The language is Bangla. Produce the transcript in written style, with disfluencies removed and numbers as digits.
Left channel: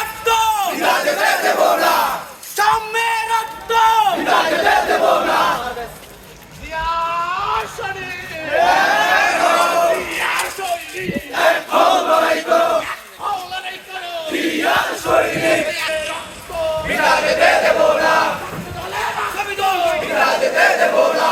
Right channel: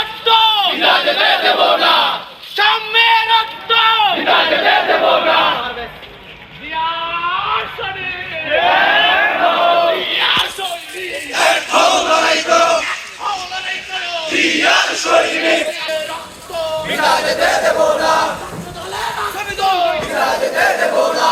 রক্ত বিনা যেতে দেব না, সাম্যের রক্ত বিনা যেতে দেব না। জিয়ার শরীর জিয়ার শরীর এক হও লড়াই করো, লড়াই করো জিয়ার সৈনিক। রক্ত বিনা যেতে দেব না, দলে বাঁচাবি দল বিনা যেতে দেব না।